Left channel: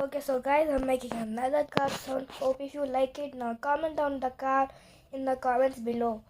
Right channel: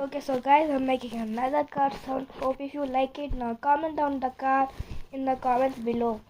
Okay, so guys, I'm making another card sound. Hope if you like it. Now comment down the card in the comments below.